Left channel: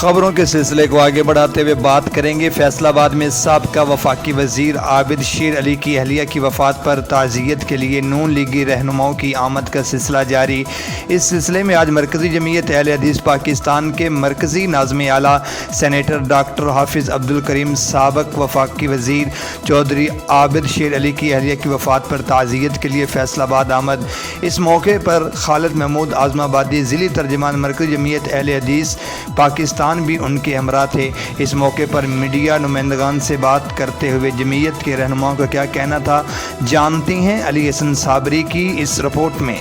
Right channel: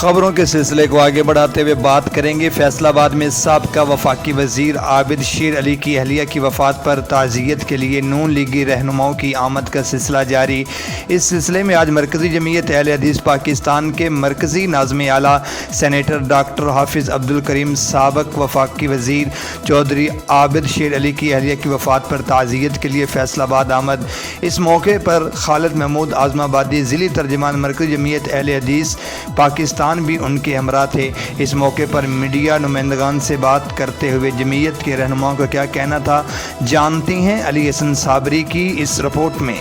خبروں کے سلسلے کو آگے بڑھاتے ہوئے بات کریں گے فیصل آباد میں سابقہ وفاقی وزیر عابد شیر علی کی اہلیہ کی وفات پر تعزیت کے لیے نون لیگی رہنماؤں کی آمد کا سلسلہ جاری۔ اس سلسلے میں آج مرکزی جمعیت اہل حدیث پاکستان کے مرکزی ناظم اعلیٰ سینیٹر ڈاکٹر حافظ عبدالکریم سابق وفاقی وزیر چودھری عابد شیر علی کی اہلیہ کی وفات پر تعزیت کے لیے فیصل آباد آمد۔ اس موقع پر خالد محمود اعظم آبادی ضلعی ترجمان مرکزی جمعیت اہل حدیث پاکستان بھی ان کے ہمراہ تھے۔ اس موقع پر میڈیا نمائندگان سے بات کرتے ہوئے جمعیت کے رہنماؤں کا کیا کہنا تھا، جانتے ہیں علی حسن صابری کی اس رپورٹ میں۔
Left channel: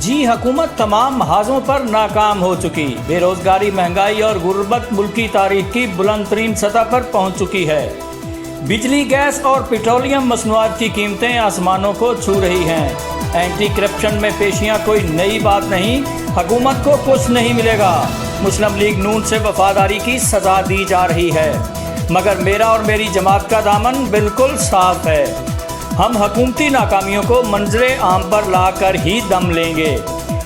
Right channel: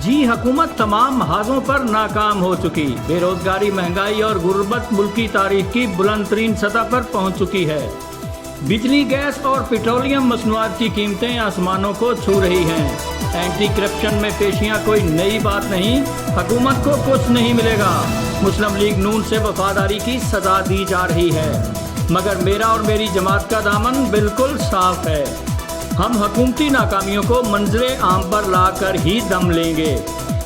جی، حکومت تمام محاذوں پر ناکام ہو چکی، بے روزگاری، مہنگائی اور غربت ملکی تاریخ کی بلند ترین سطح پر پہنچ چکی ہے۔ بجلی، گیس اور پیٹرولیم مصنوعات کی قیمتیں آسمانوں کو چھو رہی ہیں۔ اینٹی کرپشن میں پیشیاں کوئی نئی بات نہیں، حکومت کو کچھ نہیں ملے گا۔ مسلم لیگ نون سے وفاداری کی سزا دی جا رہی ہے، مگر میرا اور میری جماعت کا دامن بالکل صاف ہے۔ ہم حکومتی ناکامیوں کو منظر عام پر لا کر ہی دم لیں گے۔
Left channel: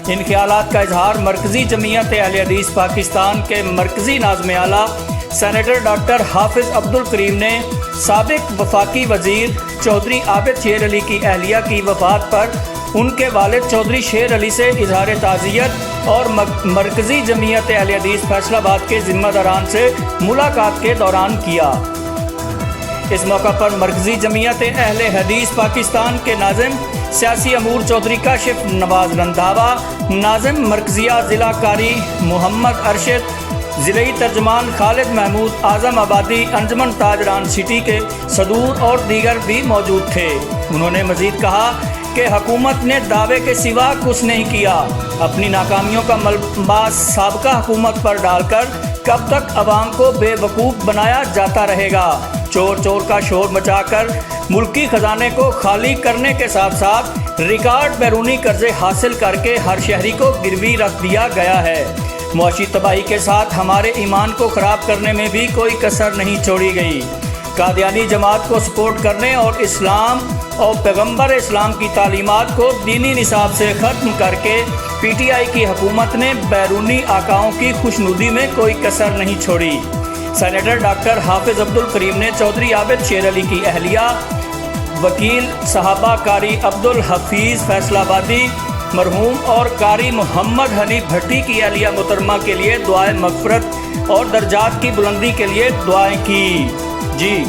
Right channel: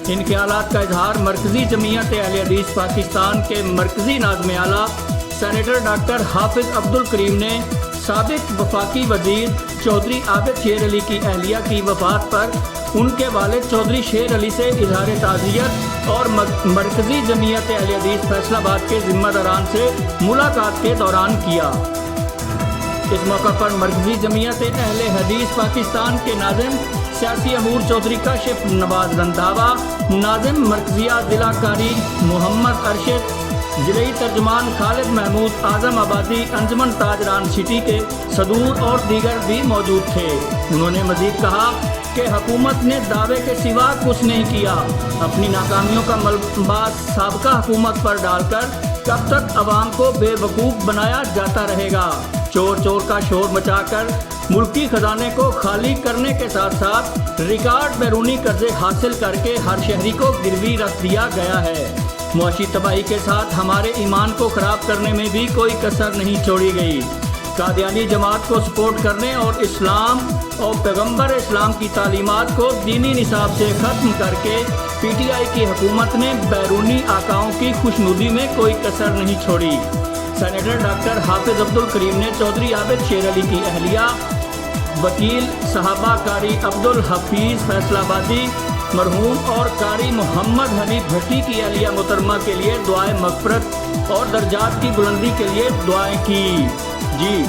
ان خیالات کا اظہار مرکزی جمعیت اہل حدیث پاکستان کے مرکزی ناظم اعلیٰ سینیٹر ڈاکٹر حافظ عبدالکریم نے سابق وفاقی وزیر چودھری عابد شیر علی کی اہلیہ کی وفات پر ان کے والد چودھری شیر علی سے اظہار تعزیت اور مرکزی جمعیت اہل حدیث فیصل آباد کے ذمہ داران سے ملاقات کے دوران کیا۔ اس موقع پر مرکزی جمعیت اہل حدیث پاکستان کے ناظم سیاسی امور چودھری کاشف نواز رندھاوا، ناظم مرکزیہ ضلع قاری محمد ارشد، ضلعی ترجمان خالد محمود اعظم آبادی، انجمن تاجران سٹی کے صدور اور دیگر بھی موجود تھے۔ انہوں نے مزید کہا کہ حکومت نے دعوے کے سوا کچھ نہیں کیا۔ اپنی ناکامیوں کا ملبہ سابقہ حکومت پر ڈال کر کب تک عوام کو بے وقوف بنایا جاتا رہے گا؟ چور چور کا شور مچا کر ملکی خزانے کو خالی کرنے کے ساتھ ساتھ ریکارڈ بیرونی قرضے حاصل کر کے ہر شہری کو گروی رکھ دیا گیا ہے۔ معاشی تباہی کے ساتھ ہمارے ایمان کو خراب کرنے میں بھی کوئی کسر نہیں چھوڑی گئی۔ قادیانی جماعت کو سپورٹ کرنے اور اسلام اور پیغمبر اسلام کی تعلیمات کو دینی نصاب سے ختم کر کے پی ٹی آئی کی حکومت نے بیرونی آقاؤں کی خوشنودی میں کوئی کسر نہیں چھوڑی۔ سینیٹر ڈاکٹر حافظ عبدالکریم نے چودھری عابد شیر علی کی اہلیہ وکیل صحابہ قاری عبدالحفیظ فیصل آبادی مرحوم اور قاری محمد حنیف بھٹی کی اہلیہ محترمہ کے لیے دعائیں مغفرت اور درجات کی بلندی کے لیے دعائیں کی۔ جی